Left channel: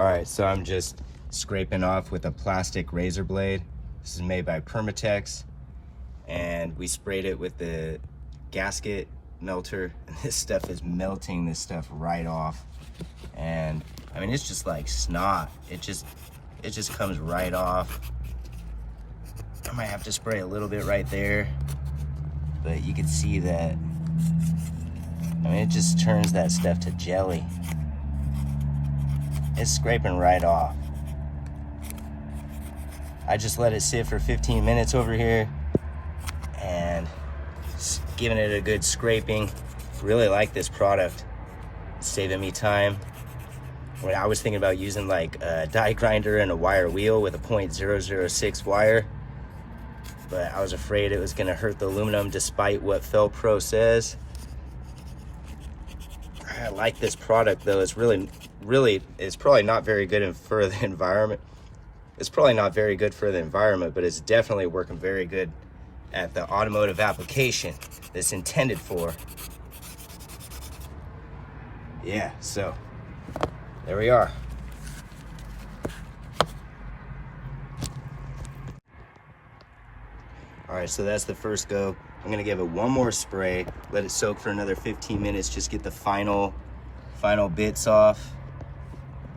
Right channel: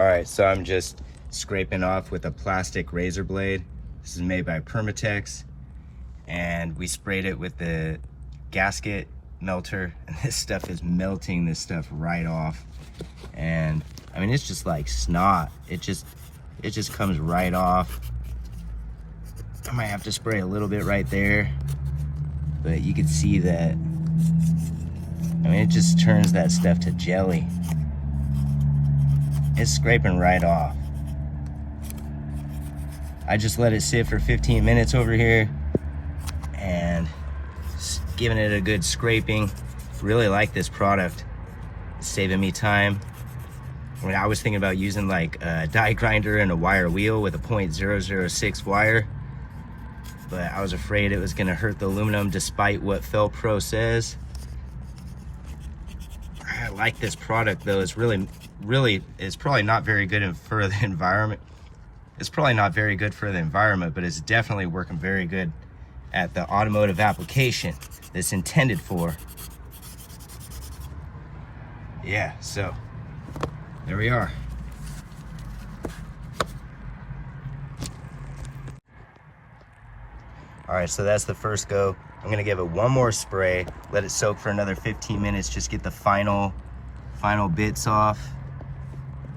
All right, so I'm just scraping off with a plastic razor blade. This is made by Permatex, and we sprayed it with the gasket melter, and this stuff is melting this stuff right off. And I mean, it's just like snot. It just comes right off. I might have to spray a little bit right there, but you can see that, I mean, it just turns that stuff to jelly. It's scraping right off. I just let it sit for 15 minutes over here and just giving it a good scraping. Really like this product. It's saving me time. I mean, I was thinking about using like a die grinder and a wire wheel with a .006 wire, but I was afraid it was gonna hurt the aluminum despite what Felt Pro says. I like this product though. It's really, it's probably not very good for the environment. It's probably not very good for the environment, but it's definitely working very good at the automotive application that's intended for. Yeah, so there we are. All right, so that's the first go. I'm gonna give it one more spray, let it soak for another 15 minutes, just get the final bits off.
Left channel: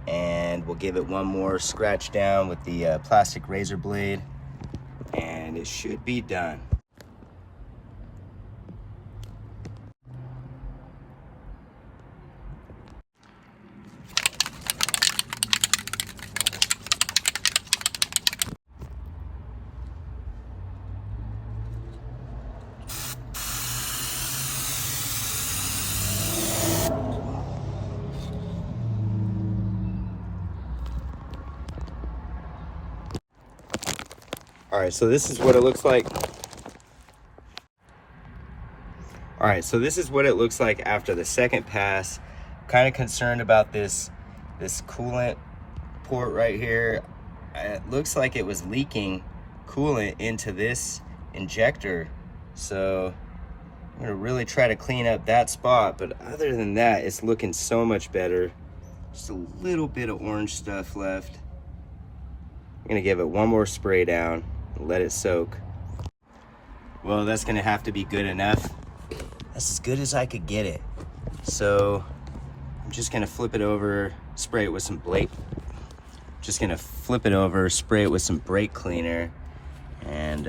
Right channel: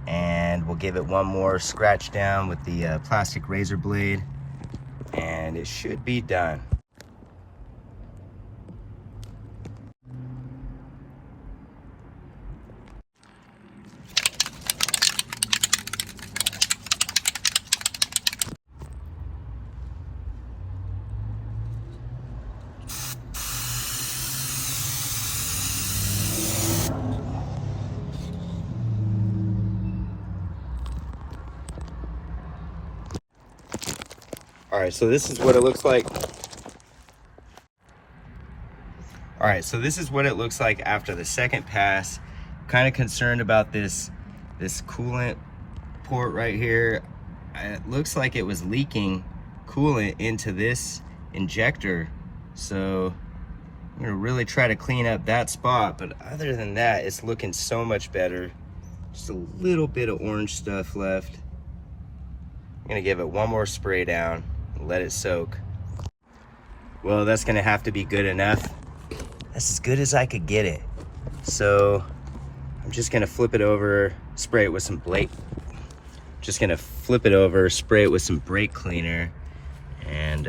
And we'll give it one more scratch down with the plastic razor blade, and it should be done. All right, so this is what it looks like. All right, so this is what it looks like after the second pass. Kind of concerned about this coolant port right here. It looks like it was leaking coolant into this injector. So I'm gonna really try to clean up that spot, but other than that, it's looking so much better. Just a little bit of orange stuff left. I'm gonna give it one more spray down. Let it soak. Well, that's gonna have to be good enough. That's as good as I could get it. So I'm just gonna flip it over, spray it with some brake cleaner, and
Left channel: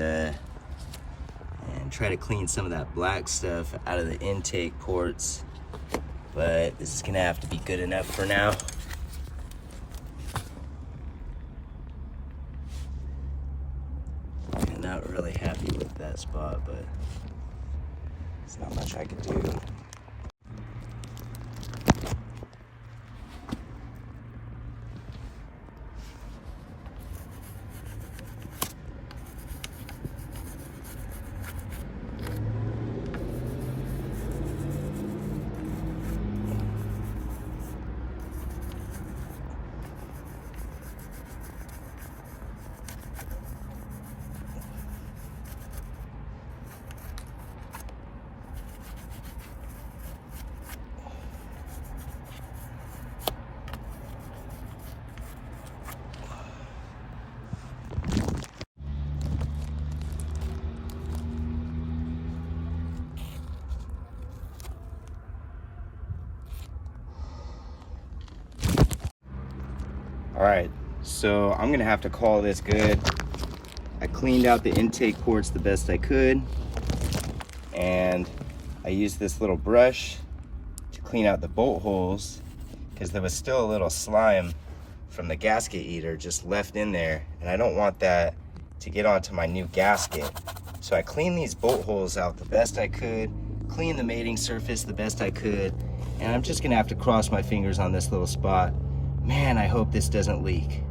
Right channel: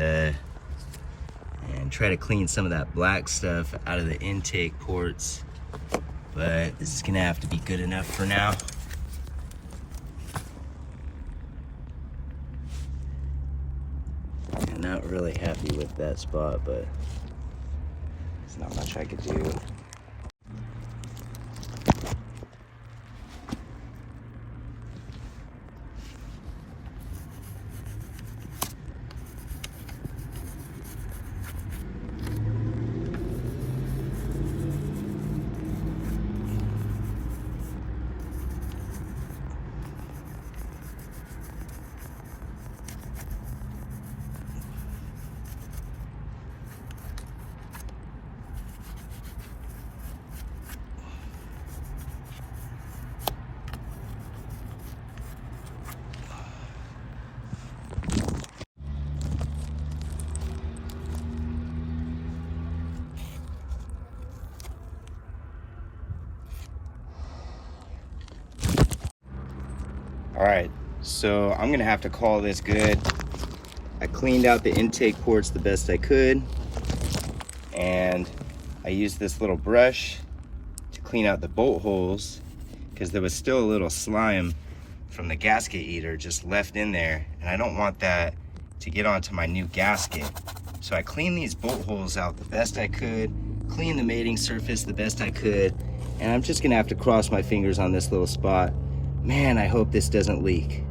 try to clean some of that black stuff out of the intake ports. But this is gonna have to be good enough for now. I'm not really happy with that spot, but there's not much I could do. All right, so I'm gonna have to call this good. I cleaned out the intake ports the best I could, and I used this little brush to clean out the bolt holes because there was still a little slime from the gasket eater just left in there, and I don't want that to get onto my new gasket. So I cleaned these bolt holes out the best I could, cleaned the mating surface the best I could, and I'm just gonna have to cross my fingers on this little spot. Man, I hope this doesn't leak.